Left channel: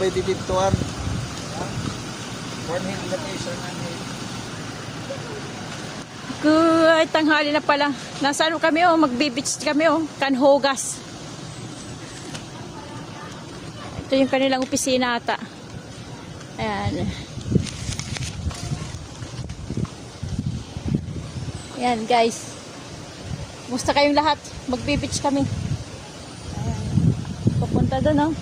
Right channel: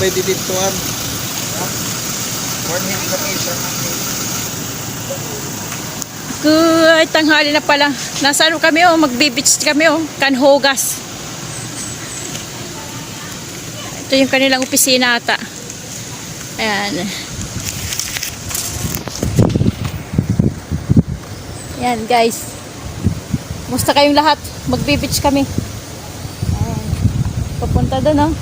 bay didituan. Morning kami sa Good, tanghali na pala. Nasa ano kami oh, magbe-beach kami oh, Canhogas. Ito yung kanilang opisina ata. Ayan. Ayan guys. Musta kayong lahat? Magbe-beach kami. Ayan. Papunta doon oh.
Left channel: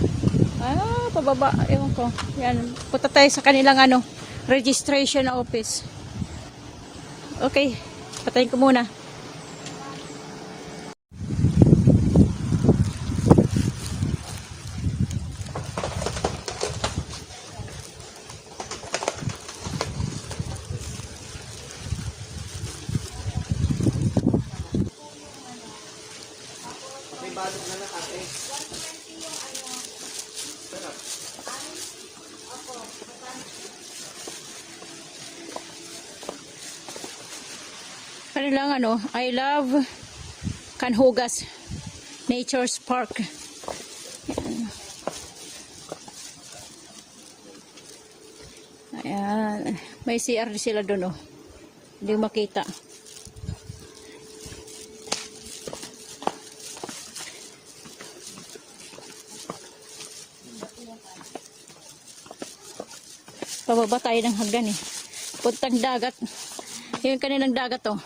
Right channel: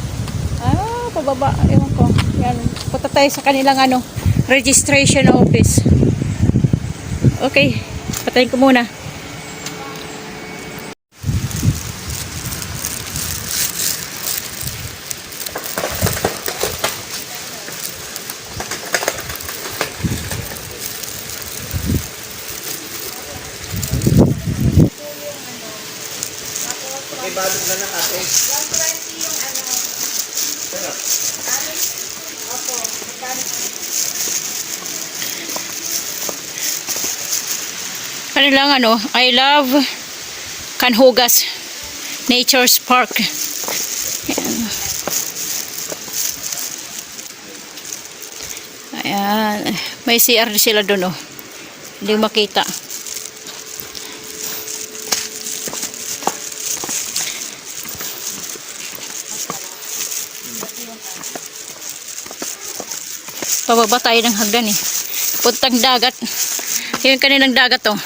Pababa. Ewan ko. Ayan. Punta tayo sa kanilang ano, registration office. Okay. Patayin ko muna. balot na lang ate. 120 yung ano. Sarap. Opo. Ano lang ano, I love Canhogas Nature's Park. Ayan. Ayan. May CR sila doon oh. Hindi makita. Pababa tayo ng hagdan eh. Puntang dagat. Yung kanilang dagat oh.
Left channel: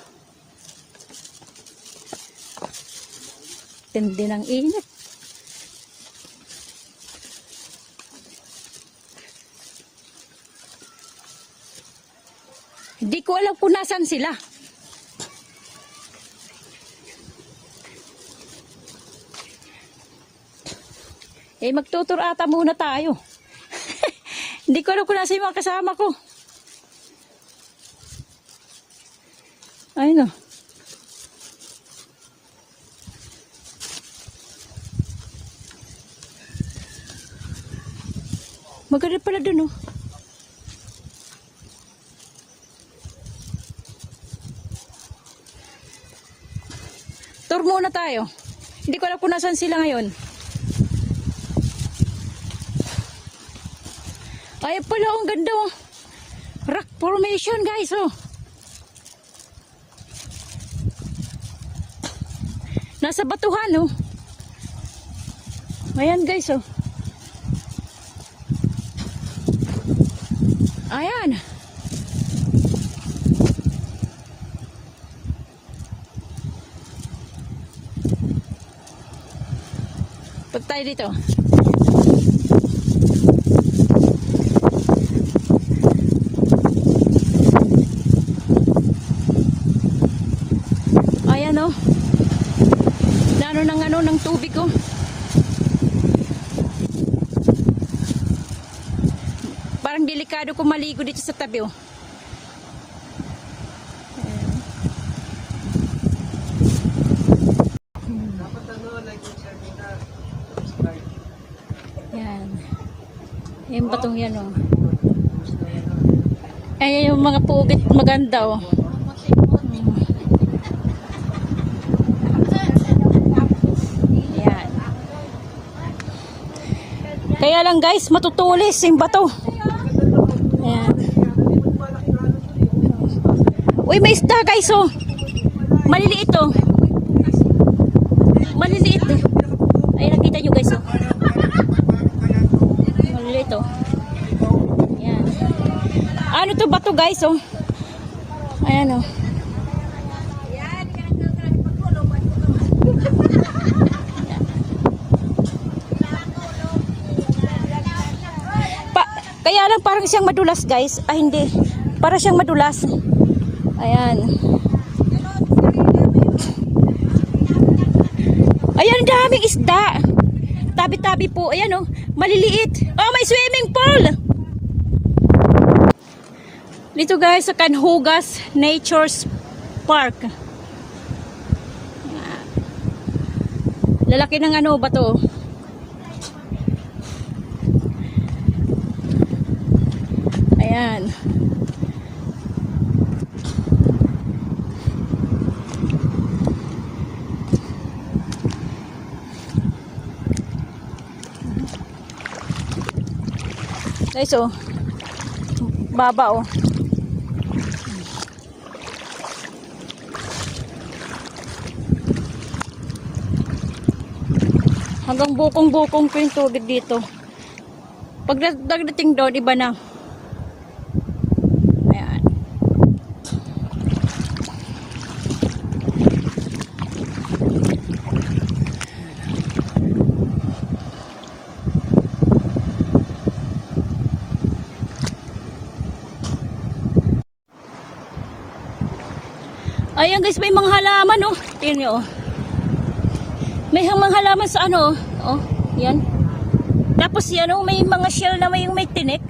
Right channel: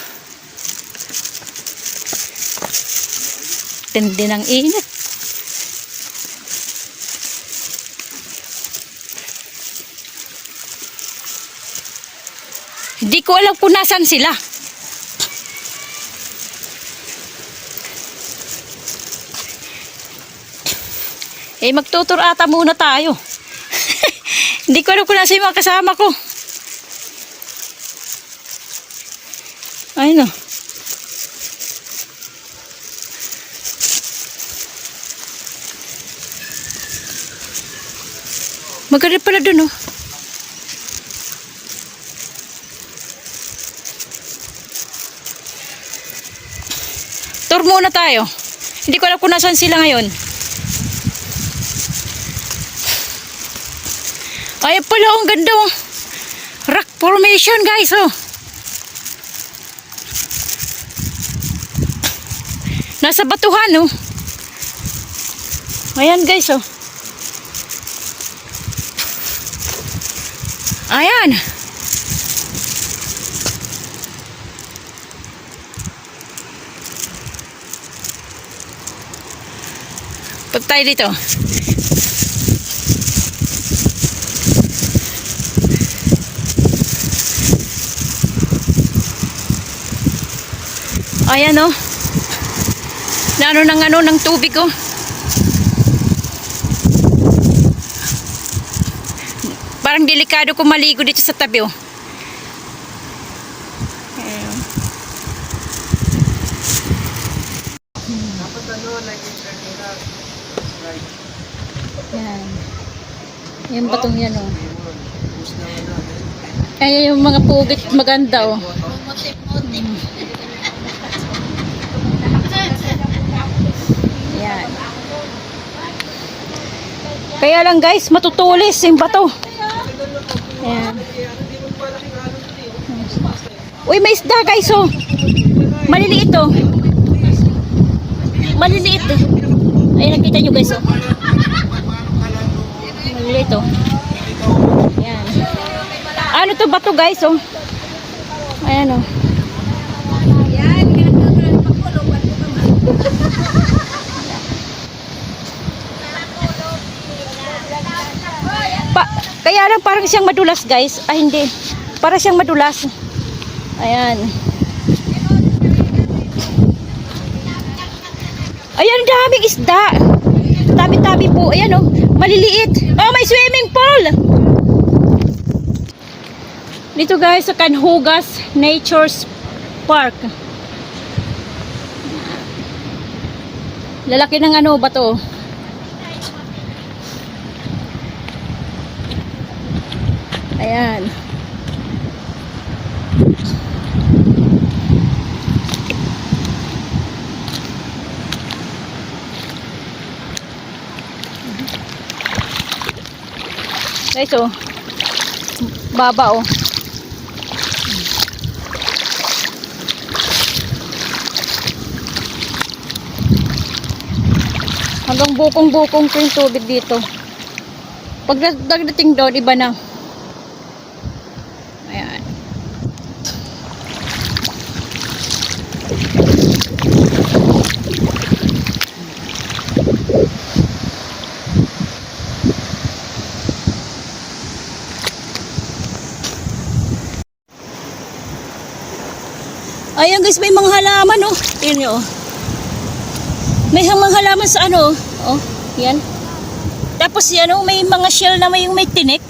Tindi ng init. Hindi ko alam kung nasan sila. Eh magtutur ata muna tayo. Hindi ko alam kung nasa yung mga kasama ko. Ayun o. Maganda pala dun o. Tour muna tayo. Hindi ko alam kung nasan sila ngayon. Ayun pala, ang ganda oh. Rock formation guys oh. Nasa batuhan oh. Ayan guys oh. Ayan. Punta tayo dito. Ayan oh. Naano ng ano ng tubig oh. Parang delikado kung maligo dito sa tabi oh. Ayan. Ayan. Yung batong yan oh. Kaya yung mga pugit maganda oh. Kaya lang guys, matutulis yung bato. Ayan. Uy, may isda guys oh. Maliliit oh. Maliliit. Ay, nakita nyo guys oh. Maliliit oh. Ayan. Ano to bato guys oh. Ayan oh. Kaya lang parang siyang madulas guys. Ay hindi. Para siyang madulas. Ayan. Ayan, daming isda. Tabi-tabi po. Ayan oh. Maliliit. Oh, may swimming pool. Dito guys sa Canhogas Nature's Park. Lalaki ng ano ba to? Ayan. Guys, oh. Baba, oh. Hanggang bukong-bukong ko yung tubig dito. Pag dagdating doon, iba na. Ayan. Ayan guys, may mga halaman, oh. Tingnan nyo, oh. May mga halaman sa ano, oh. Yan. Tapos yan, oh, may mga shell na may tinik.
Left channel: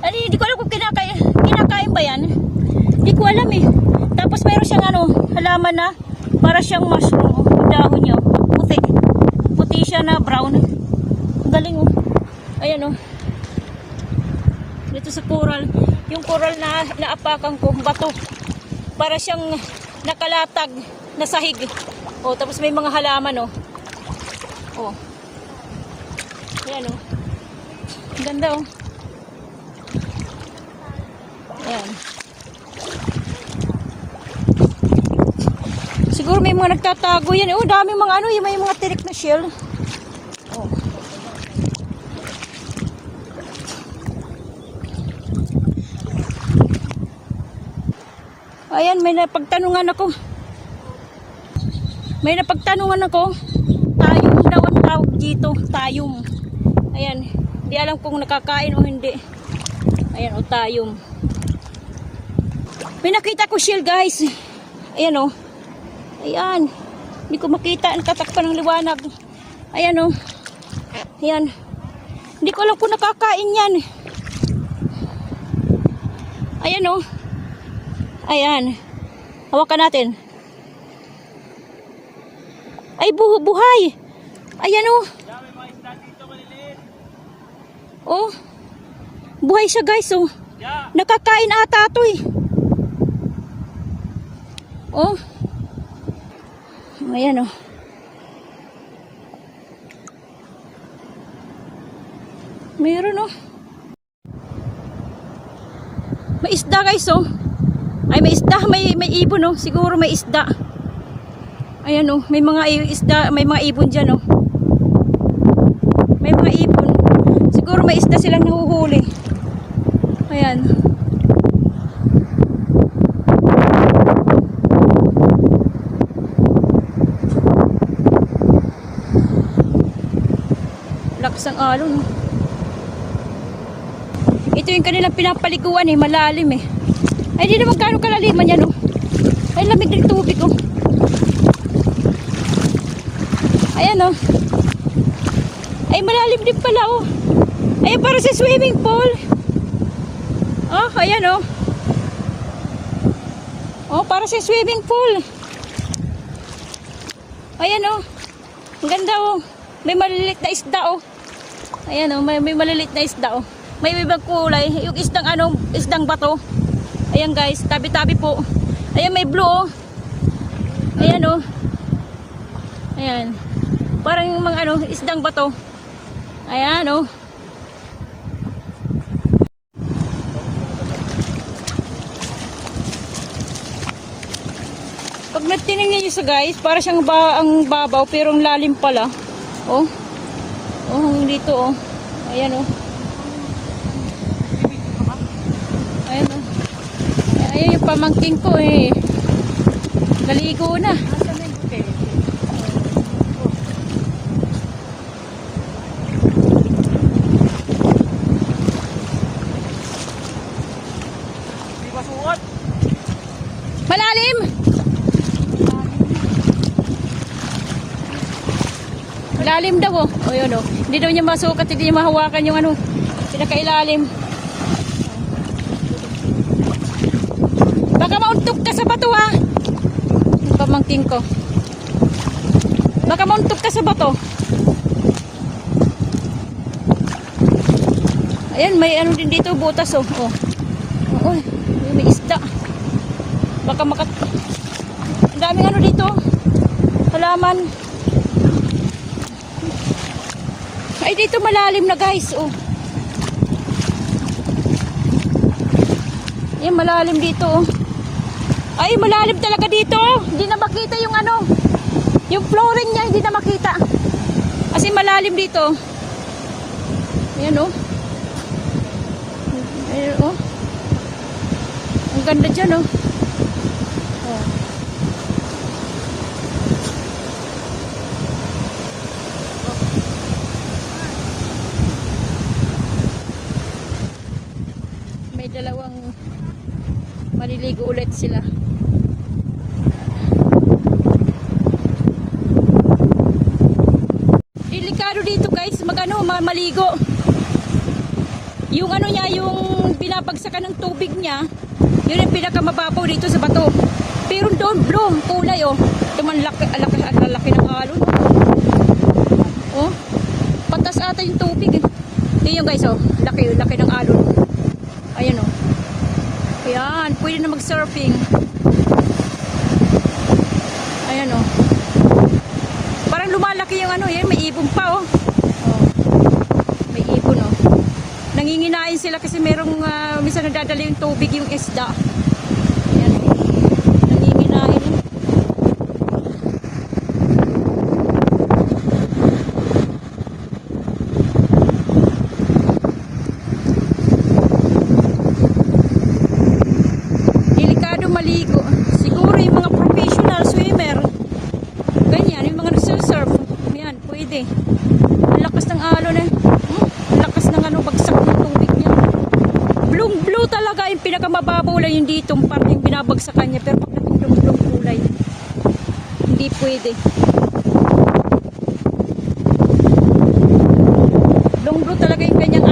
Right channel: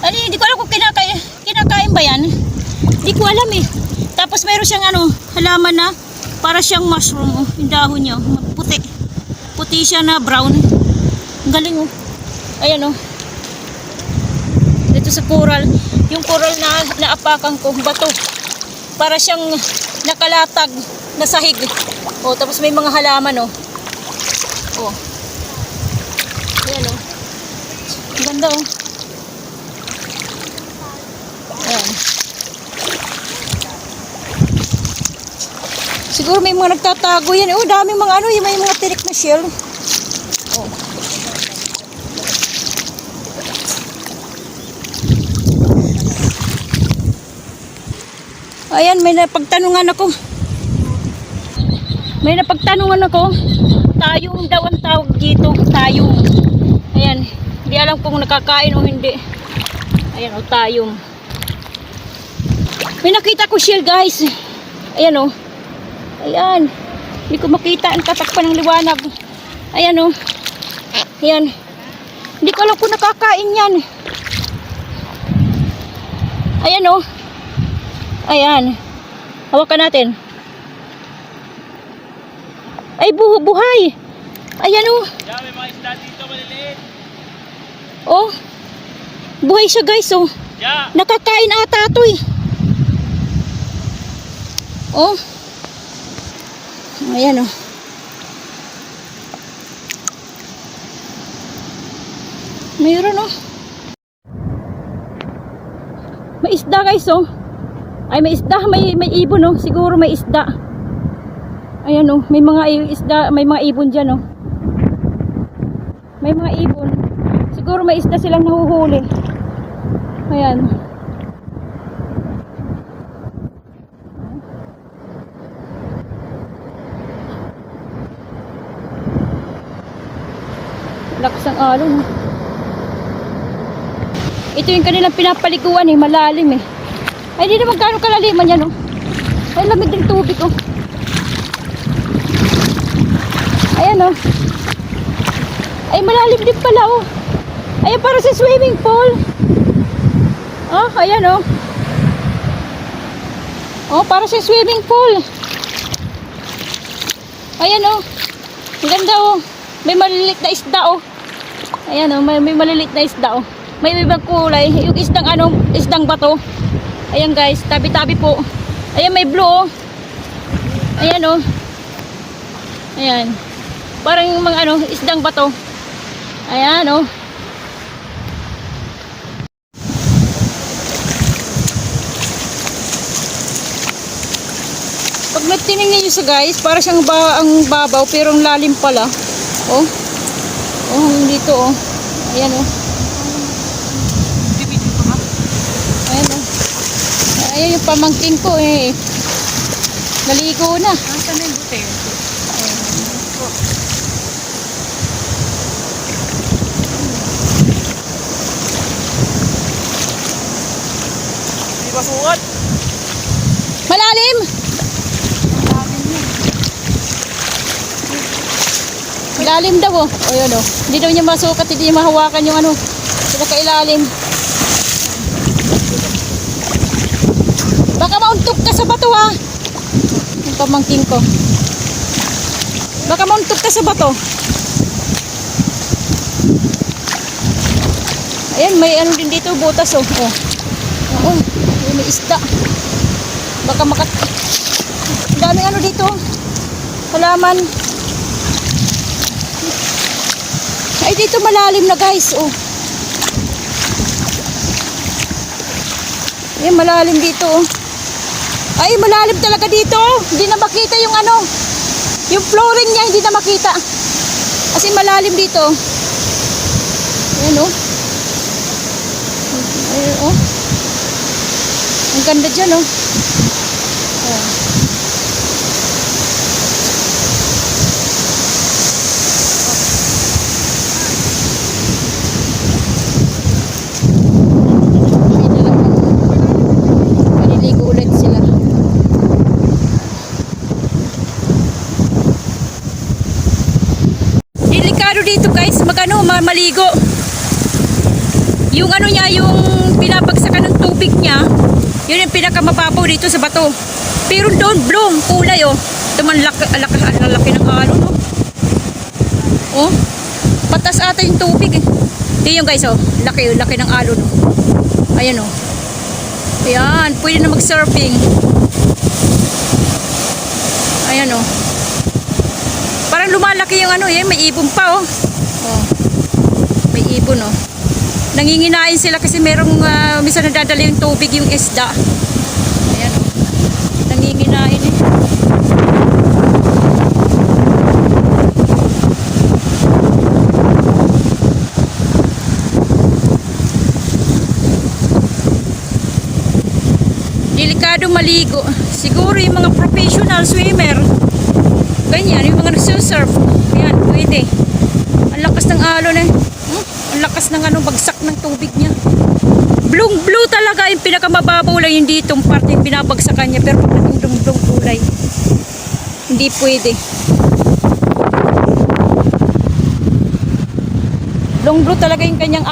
Ano, hindi ko alam kung kinakain ba yan. Hindi ko alam eh. Tapos mayroon siyang ano, halaman na para siyang mushroom, oh. Yung dahon niya, puti. Puti siya na brown. Ang galing, oh. Ayan, oh. Dito sa coral. Yung coral na naapakan ko, bato. Para siyang nakalatag na sahig. Oh, tapos may mga halaman, oh. Oh. Ayan, oh. Ang ganda, oh. Ayan. Siguro may mga nagtatago yan. Oh, dami mga ano, may mga tirik na shell. Oh. Ayan, may napagtanungan ako. May napagtanungan ako. Tayong daw ang tawag dito. Tayong. Ayan. Hindi alam kung nakakain o hindi. Ayan, o, tayong. May nakita ko shell, guys. Ayan, o. Ayan. Hindi ko makita ang tatakpan ng liwanag. Ayan, o. Ayan. Hindi ko alam kung nakakain yan. Ayan, o. Ayan. Hawakan natin. Ay, buhay. Ayan, oh. May mga isda dito maliliit. Oh. Buhay siya, guys, oh. Yeah. Nakakain ata ito, eh. Oh. Ayan, oh. Mayroon, oh. May isda, guys, oh. Ay, may isda, may ibon, oh. Siguro may isda. Ayan, oh, may mga isda, may mga ibon dyan, oh. May mga ibon. Siguro may isda silang nahuhuli. Ayan. Lakas ang alon, oh. Ito yung kanilang pinapaliguan, eh, malalim, eh. Ay, di naman gaano kalaliman yan, oh. Ay, lamig ng tubig, oh. Ayan, oh. Ay, malalim din pala, oh. Ayan, para sa swimming pool. Oh, ayan, oh. Oh, para sa swimming pool. Ayan, oh. Ang ganda, oh. May maliliit na isda, oh. Ayan, oh. May maliliit na isda, oh. May ibang kulay. Yung isdang, ano, isdang bato. Ayan, guys. Tabi-tabi po. Ayan, may blue, oh. Ayan, oh. Ayan. Parang yung mga ano, isdang bato. Ayan, oh. Pag nagtinignan nyo sa guys, para siyang ang babaw pero ang lalim pala. Oh. Oh, dito, oh. Ayan, oh. Ayan, oh. Ayan yung pamangking ko, eh. Naligo na. Nasa na yung buti? Hindi ba sukat? Malalim! Lalim daw, oh. O, yun, oh. Hindi daw niya masukat, hindi niya mahawakan yung ano, pinakailalim. Baka mauntog ka sa bato, ha. Yung pamangking ko. Baka mauntog ka sa bato. Ayan, may ano din dito, butas, oh. Oh. Oh, may isda. Baka daming ano dito, halaman. Ay, dito malalim na, guys, oh. Yan, malalim dito. Oh. Ay, malalim talaga dito. Oh. Hindi na makita yung ano. Yung flooring niya, hindi na makita. Kasi malalim dito. Ayan, oh. Ayan, oh. Ang ganda dyan, oh. Oh. Dito guys, maligo. Yung ano niya, yung pinabagsakan ng tubig niya, yun yung pinakamababaw dito sa bato. Pero doon, blong, kulay oh. Ito man, laki ng alon. Oh, patas ata yung tubig eh. Hindi yung guys oh, laki ng alon. Ayan oh. Ayan, pwede na mag-surfing. Ayan oh. Parang lumalaki yung ano, may ibon pa oh. Oh. May ibon oh. Nanginginain sila kasi merong minsan nadadala yung tubig yung isda. Ayan oh. Nanginginain eh. Delikado maligo. Siguro yung mga professional swimmer. Ganyan, yung mga nagsusurf. Ayan, pwede. Ang lakas ng alon eh. Ang lakas ng bagsak ng tubig niya. Blue talaga yung pinakamababaw lang yung ditong parte yung pinabagsakan niya. Pero pag naging blue kulay, hindi pwede. Blue talaga yung kanyang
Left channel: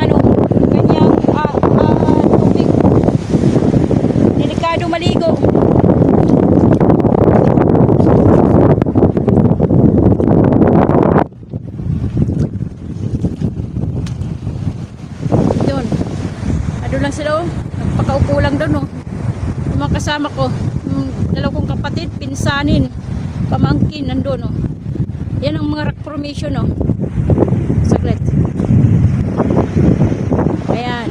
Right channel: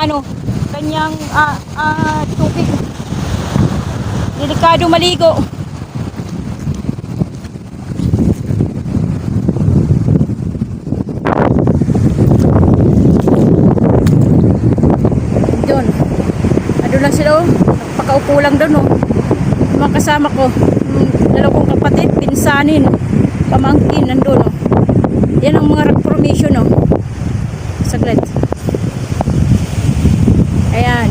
kanyang tubig. Delikado maligo. Pakaupo lang doon oh. Mga kasama ko, dalawang kapatid, pinsanin, pamangkin nandun oh. Yan ang mga rock formation oh. Saglit. Ayan.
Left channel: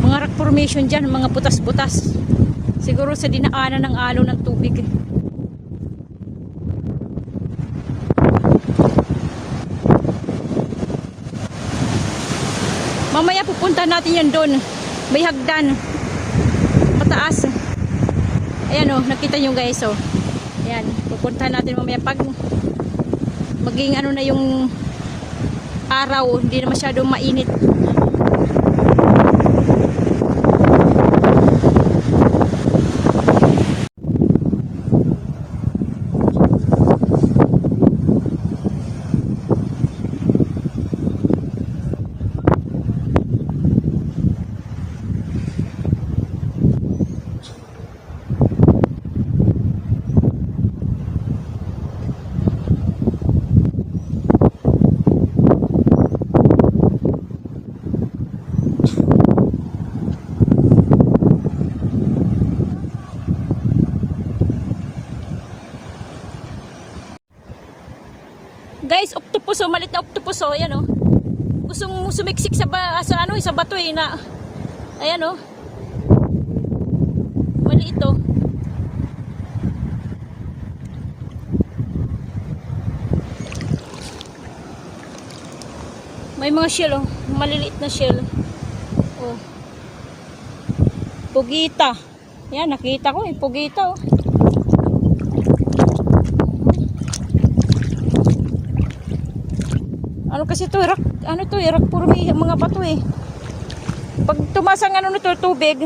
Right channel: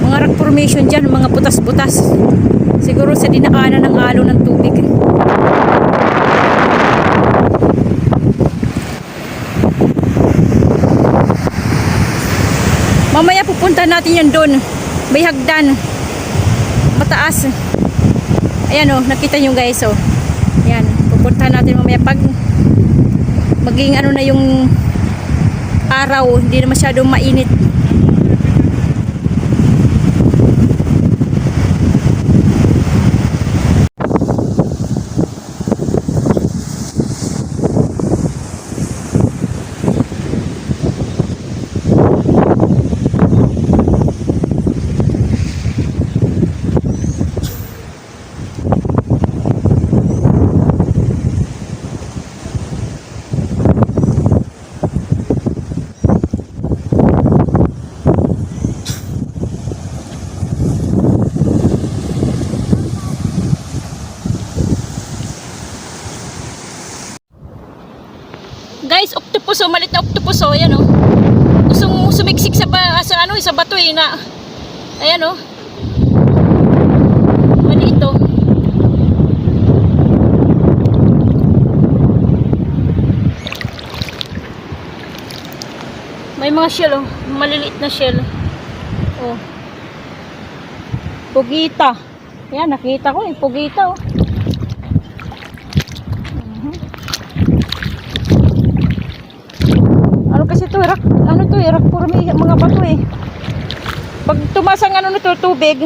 Mga rock formation dyan, mga butas-butas. Siguro sa dinaanan ng alon ng tubig eh. Mamaya pupunta natin yan doon. May hagdan. Mataas. Ayan oh, nakita nyo guys oh. Ayan, pupunta natin mamaya pag maging na yung araw, hindi na masyadong mainit. Guys, octopus oh, malit na octopus oh, ayan oh. Gustong sumiksik sa bato eh na. Ayan oh. Maliit oh. May mga shell oh, maliliit na shell. Oh. Pugita. Ayan, nakita ko eh, pugita oh. Kasi ito, rock formi, mga bato eh. Pag tumasang nito tubig,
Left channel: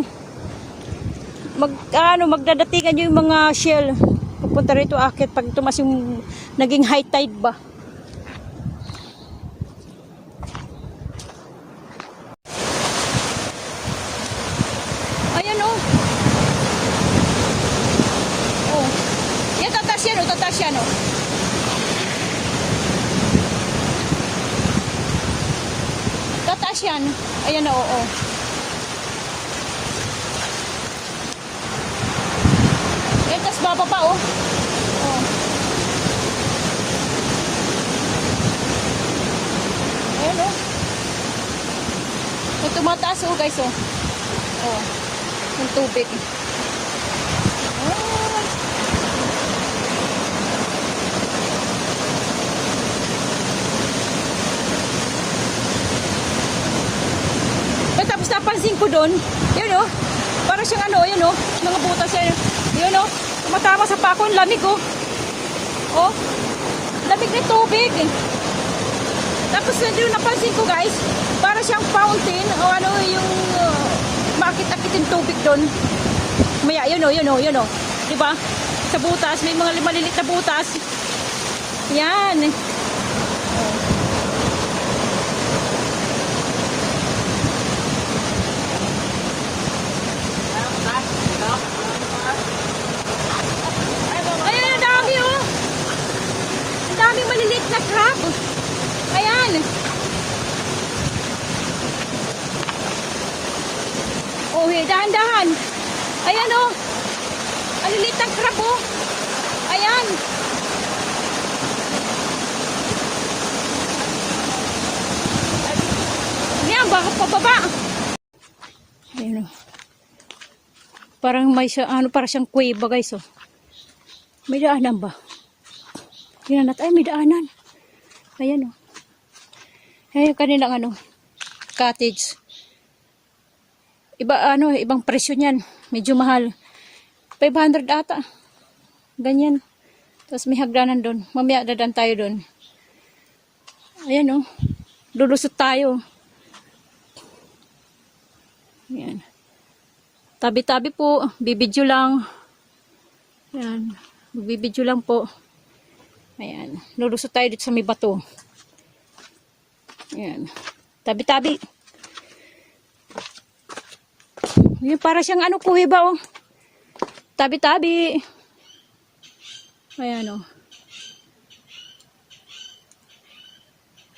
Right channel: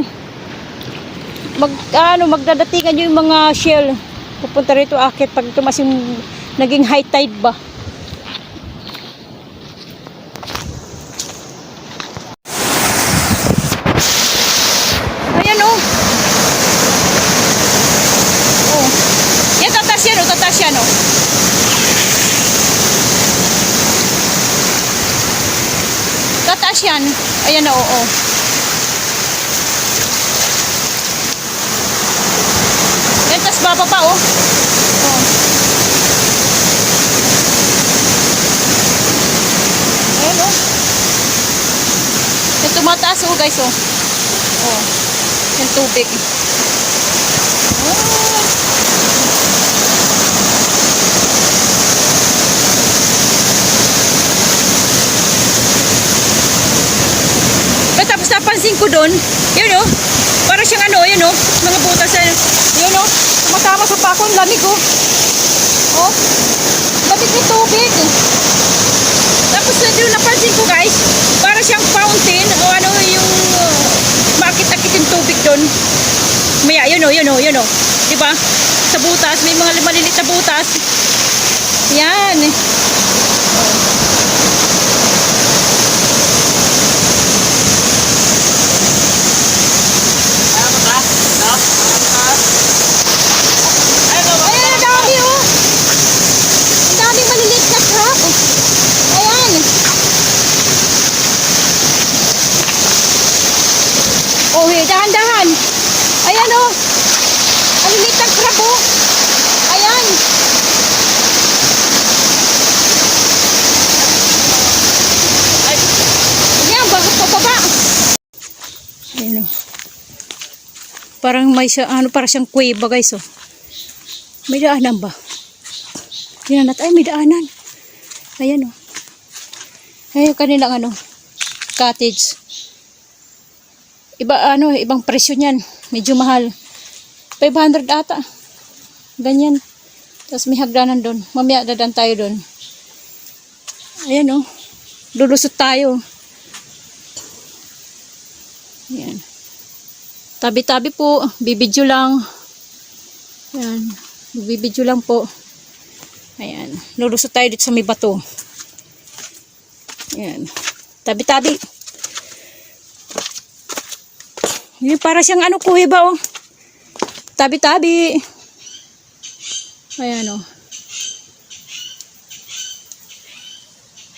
magdadatingan yung mga shell. Pupunta rito akit pag tumas yung naging high tide ba. Ayan oh. Oh. Yan tatas yan oh. Tataas yan. Ayan na, oo. Yan, tas bababa, oh. Oh. guys, oh. Oh, yung tubig. Oh. But tapos napansin ko doon, yun oh, para siyang ano, yun oh, mga butas yun oh, tumatama sa pako, ang lamig oh. Oh, lamig ng tubig. Tapos doon napansin ko guys, para siyang fountain o ano yung makit-akit yung tubig doon. Maya, yun oh. Diba? Sa butas, may mga maliliit na butas. Yan. Ayan, ang dami oh. Ang dami maliliit na crab. Ayan. Oh, dahan-dahan. Ayan oh. Ang liit ng crab oh. Ayan. Ayan, bakit pababa? Ayan oh. Parang may siya, ano, para siyang kuweba guys oh. May daanan ba? Tingnan natin. Ay, may daanan. Ayan oh. Ayan yung kanilang ano, cottage. Iba, ano, ibang presyo niyan. Medyo mahal. 500 ata. Ganyan. Tapos may hagdanan doon. Mamaya dadan tayo doon. Ayan oh. Lulusot tayo. Ayan. Tabi-tabi po. Bibidyo lang. Ayan. Bibidyo lang po. Ayan. Lulusot tayo dito sa may bato. Ayan. Tabi-tabi. Yun, para siyang ano, kuweba oh. Tabi-tabi. Ayan oh.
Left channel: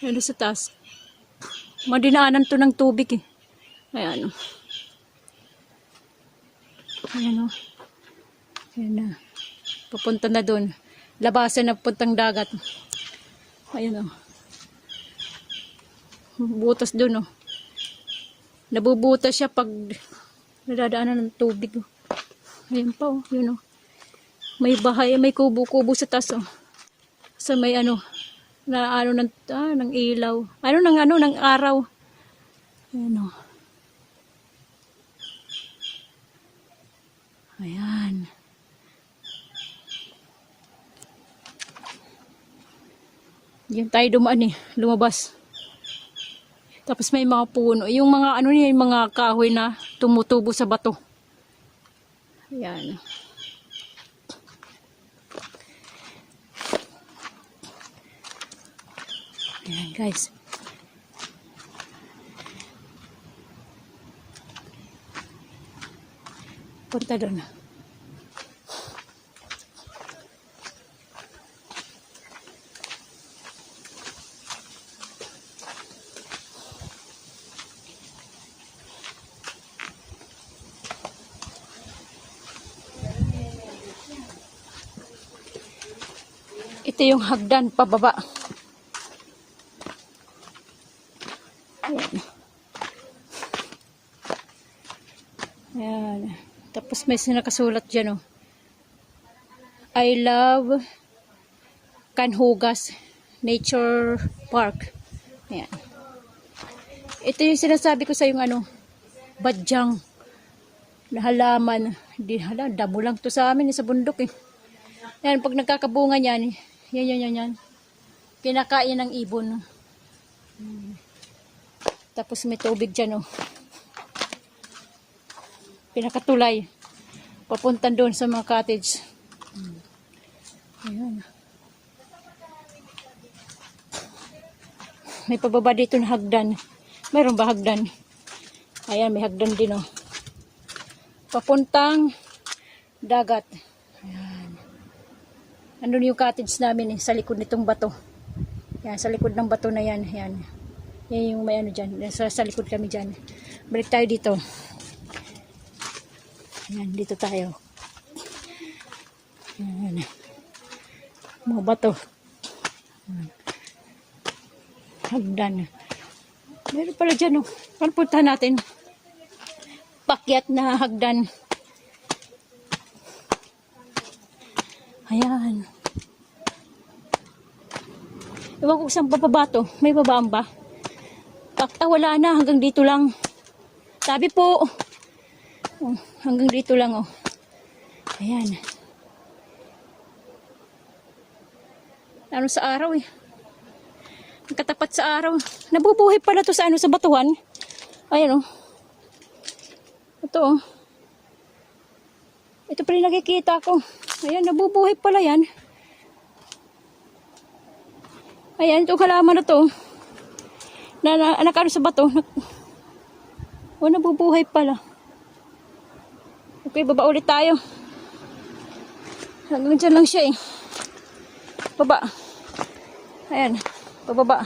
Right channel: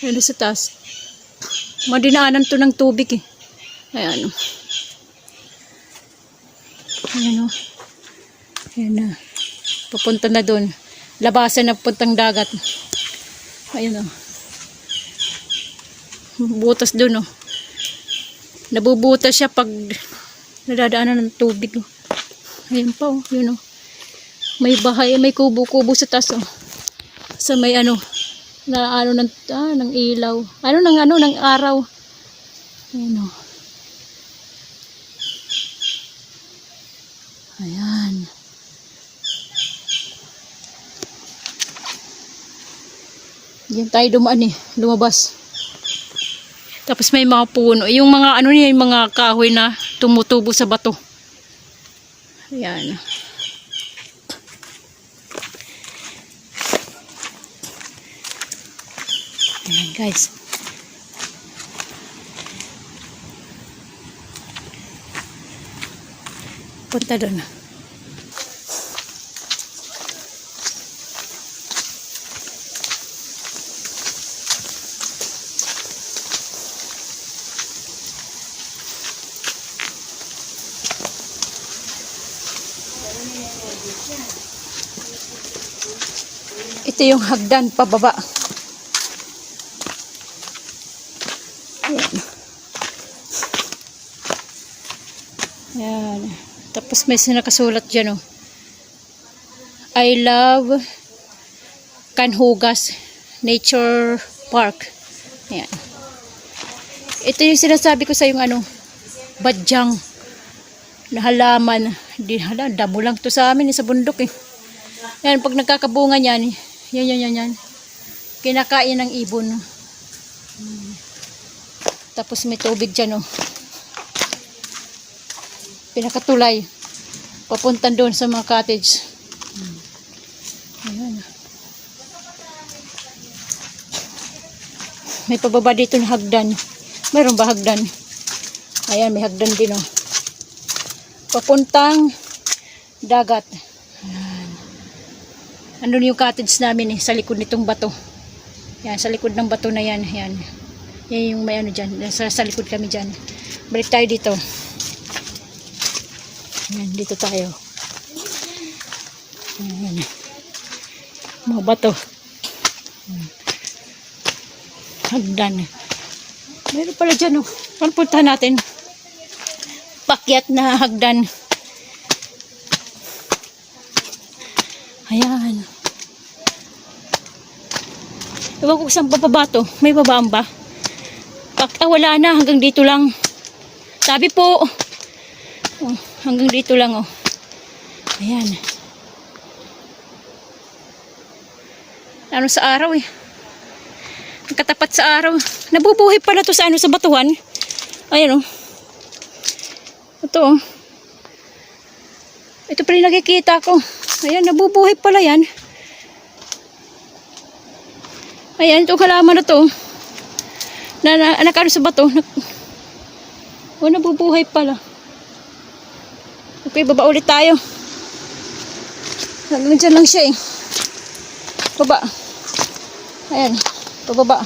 Ayan sa taas. Madinaanan to ng tubig eh. Ayan oh. Ayan oh. Ayan na. Papunta na doon. Labasan na puntang dagat. Ayan oh. Butas doon oh. Nabubutas siya pag nadadaanan ng tubig oh. Ayan pa oh, yun oh. May bahay, may kubo-kubo sa taas oh. Sa may ano, na ano ng ilaw. Ng araw. Ayan oh. Ayan. Diyan tayo dumaan eh, lumabas. Tapos may mga puno. Yung mga ano niya, yung mga kahoy na tumutubo sa bato. Ayan. Ayan guys. Punta doon. Ito yung hagdan pababa. Ayan. Ayan. Tapos may nakasulat dyan oh. I love Canhugas Nature Park. Ayan. Ito yung sinasabi ko sa yung ano, badyang na halaman. Damo lang to sa amin sa bundok eh. Yan, pag nagkakabunga yan, yan. Kinakain ng ibon. Tapos may tubig dyan, oh. Pinakatulay. Papuntan doon sa mga cottage. Ayan. May pababa dito na hagdan. Mayroon ba hagdan? Ayan, may hagdan din, oh. Papuntang dagat. Ayan. Andun yung cottage namin eh, sa likod nitong bato. Yan, sa likod ng bato na yan. Yan. Yan yung may ano dyan. Sa likod kami dyan. Balik tayo dito. Yan, dito tayo. Yan. Mga bato. Yan. Hagdan. Meron pala dyan oh. Saan puntahan natin? paakyat na hagdan. Ayan. Ewan ko saan bababa to. May babaan ba? Wala na. Hanggang dito lang. Sabi po. Oh, hanggang dito lang, oh. Ayan. Ano sa araw, eh. Katapat sa araw. Nabubuhay pala to sa sa batuhan. Ayan, oh. Ito, oh. Ito pa rin nakikita ko. Ayan, nabubuhay pala yan. Ayan, itong halaman na to. Nakano sa bato. Nabubuhay pala. Okay, baba ulit tayo. Hanggang dyan lang siya eh. Baba. Ayan, pababa.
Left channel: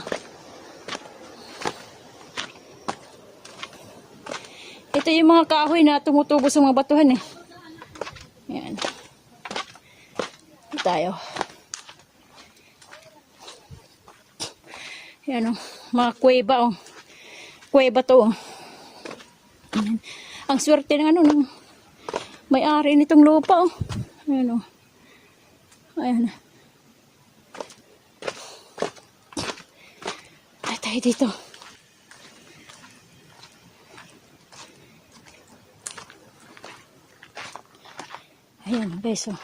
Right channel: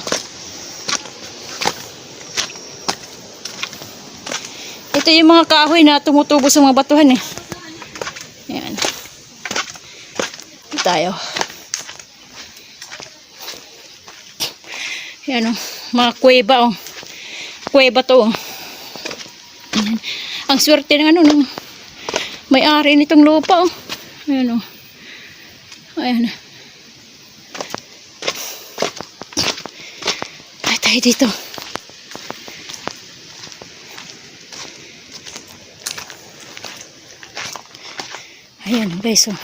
Ito yung mga kahoy na tumutubo sa mga batuhan eh. Ayan. Ito tayo. Ayan o. Mga kuweba o. Kuweba to o. Ayan. Ang swerte ng ng may-ari nitong lupa o. Ayan o. Ayan. Ay, tayo dito. Ayan guys o.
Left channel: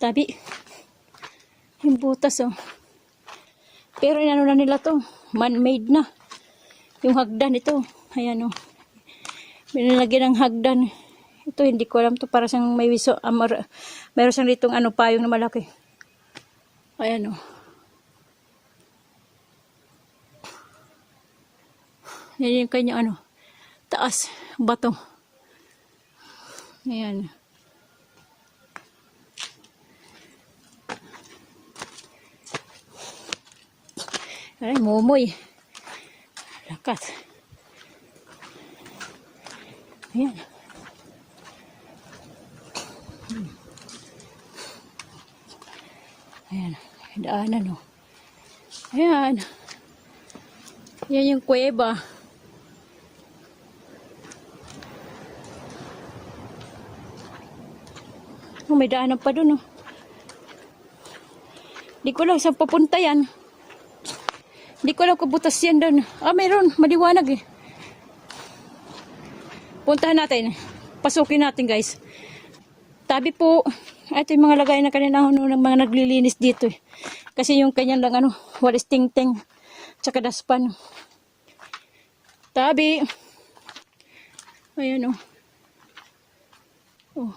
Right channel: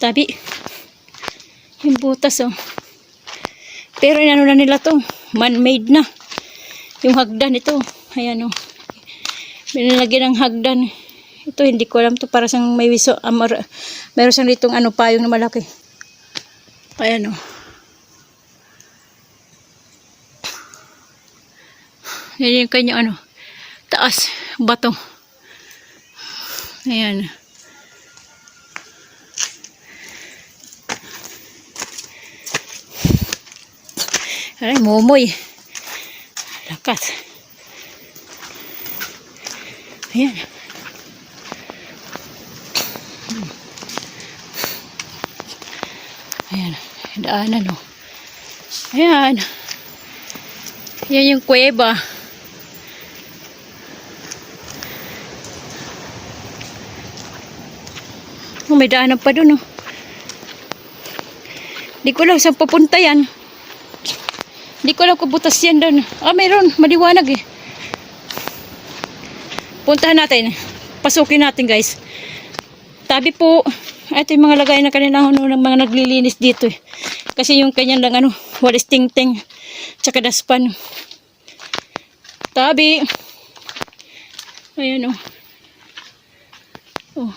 Tabi. Yung butas o. Pero inano na nila to. Man-made na. Yung hagdan ito. Ayan o. Binalagyan ng hagdan. Ito hindi ko alam to. Para siyang may wiso. Meron siyang ditong payong na malaki. Ayan o. Yan yung kanyang taas. Bato. Ayan. Ay, momoy. Lakas. Ayan. Ayan. Daanan o. Ayan. Yan yung kuweba. Oh, may daanan pa dun o. Di ko lang saan papunta yan. Di ko alam kung butas yan doon. Mayroon. Maliwanag eh. Puntahan natin. Pasukin natin guys. Tabi po. Ito yung mga lagay na kanina ng mga naglilinis dito eh. Kasi yung kanyang lang walis ting-ting. Tsaka daspan. Tabi. Ayan o. Oh.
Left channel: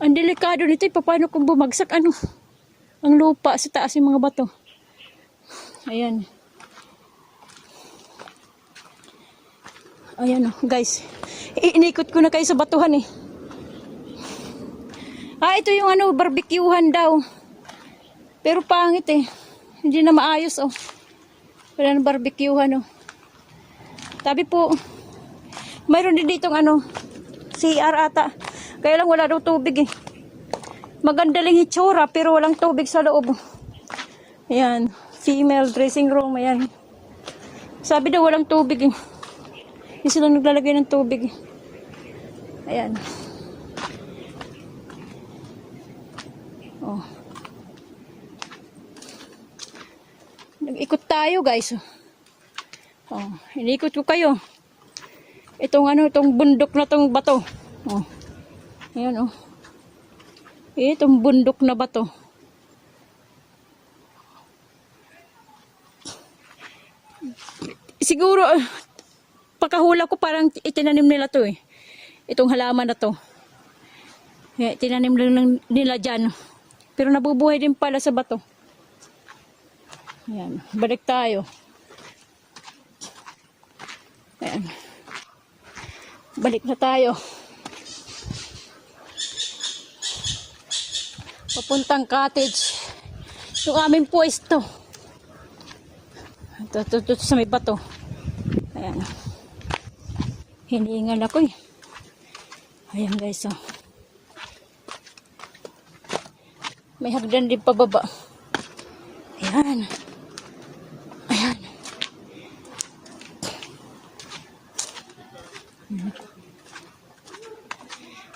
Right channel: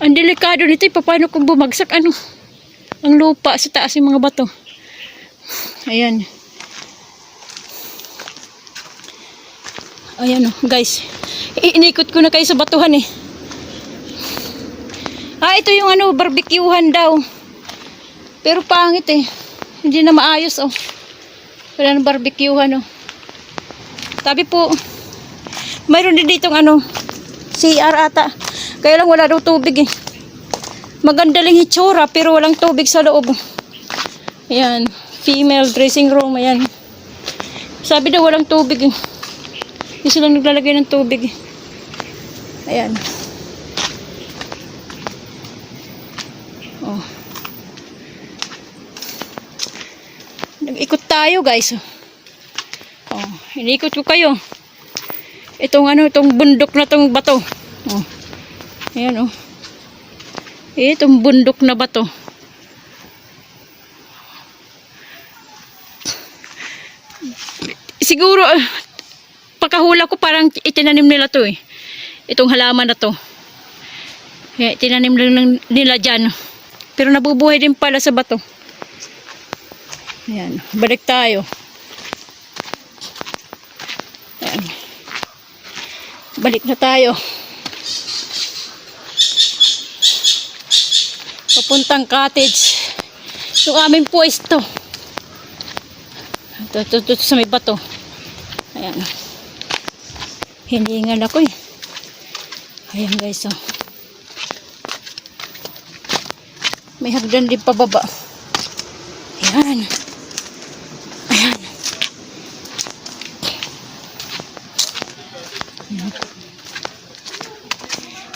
Ang delikado nito. Paano kung bumagsak ang lupa sa taas yung mga bato. Ayan. Ayan o, guys. Inikot ko na kayo sa batuhan eh. Ito yung barbecuehan daw. Pero pangit eh. Hindi na maayos oh. Wala nang barbecuehan oh. Tabi po. Mayroon din ditong CR ata. Kaya lang wala daw tubig eh. Maganda lang hitsura pero walang tubig sa loob. Ayan. Female dressing room. Ayan. Sabi daw walang tubig. Hindi silang naglalagay ng tubig. Ayan. Oh. Nag-ikot tayo guys. Oh. Inikot ko kayo. Itong itong bundok na tong bato. Oh. Ayan oh. Itong bundok na bato. Siguro, pagkahula ko parang itinanim nila to eh. Itong halaman na to. Itinanim lang nila dyan. Pero nabubuhay din pala sa bato. Ayan. Balik tayo. Ayan. Balik na tayo. Papuntang cottage. Yung aming pwesto. Ito sa may bato. Ayan. Hiningal ako eh. Ayan guys oh. May hagdan din pababa. Ayan. Ayan.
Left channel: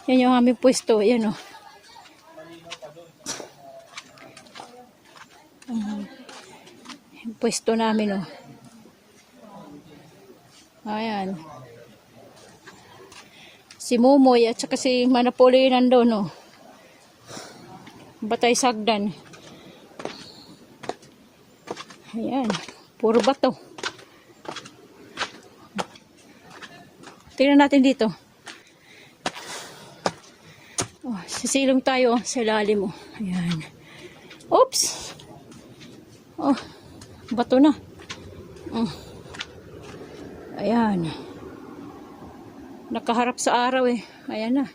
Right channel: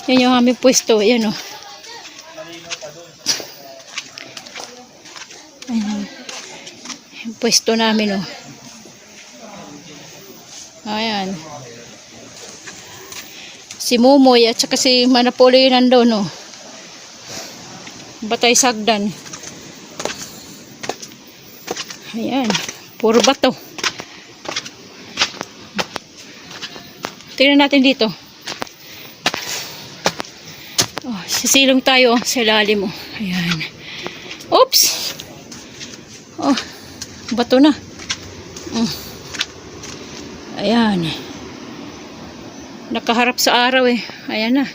Yan yung aming pwesto. Ayan o. Ayan. Yung pwesto namin o. Ayan. Si Mumoy at saka si Manapolo yun nandun o. Batay sagdan. Ayan. Puro bato. Tingnan natin dito. Oh, sisilong tayo sa ilalim mo. Ayan. Oops! Oh, bato na. Oh. Ayan. Nakaharap sa araw eh. Ayan na.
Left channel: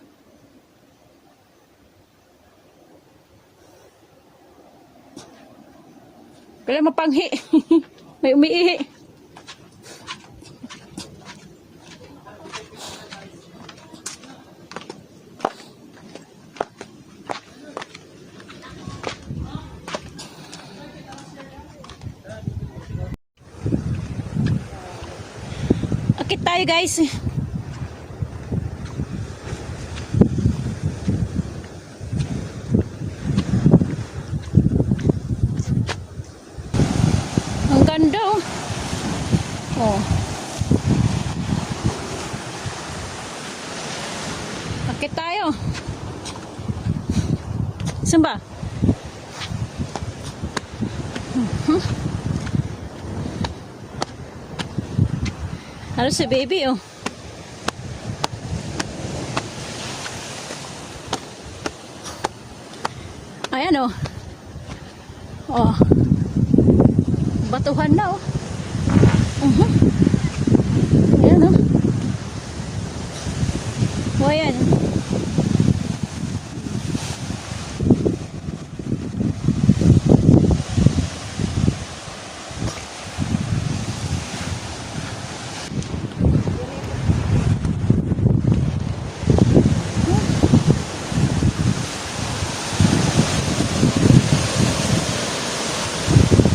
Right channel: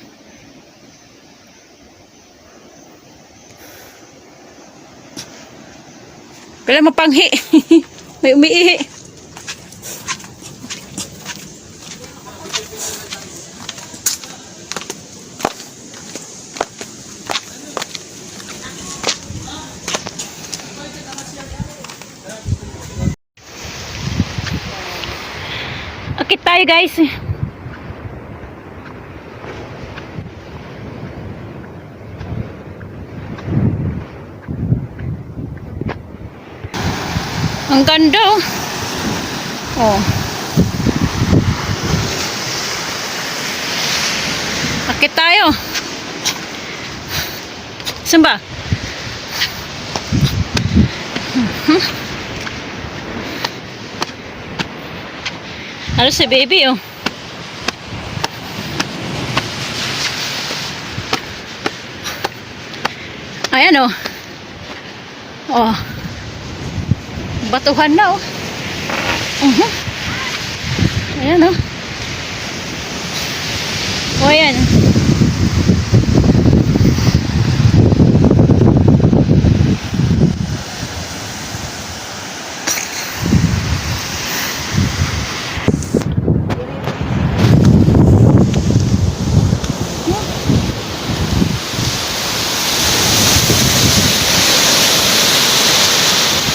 Kailan mapanghi. May umiihi. Akit tayo guys. Ang ganda oh. Oh. Akit tayo. Saan ba? Ano si baby oh. Ayan oh. Oh. Batuhan na oh. Ayan oh. Oh ayan.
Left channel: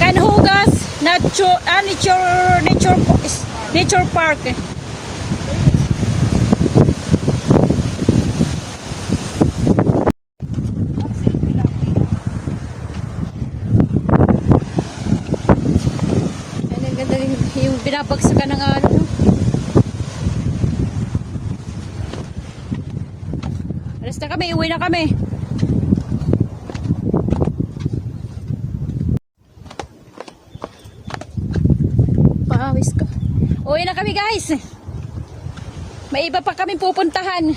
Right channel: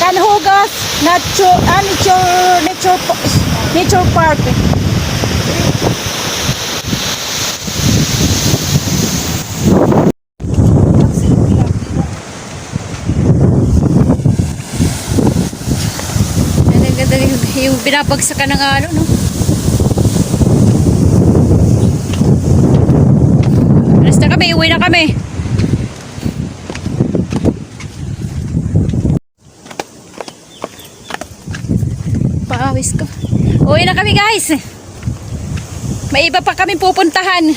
Canhugas Nature Park. Yung binabagsakan ng ano, no? Alas na kami, uwi na kami. Paawis ko. Uwi na kami guys. May iba pa kami pupuntahan.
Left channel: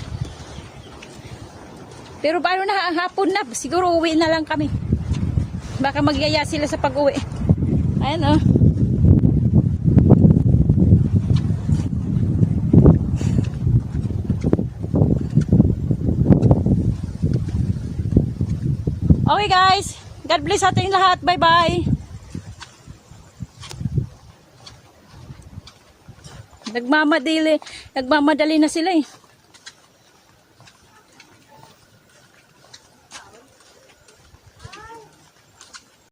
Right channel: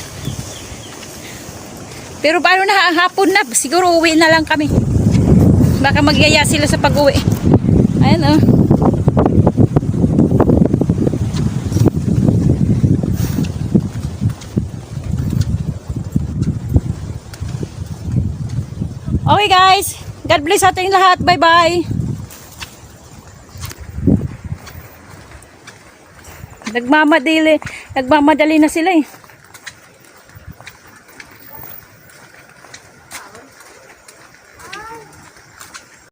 Pero paano na hapon na, siguro uwi na lang kami. Baka magyaya sila sa pag-uwi. Ayan oh. Okay guys, God bless sa ating lahat. Bye bye. Nagmamadali na sila eh.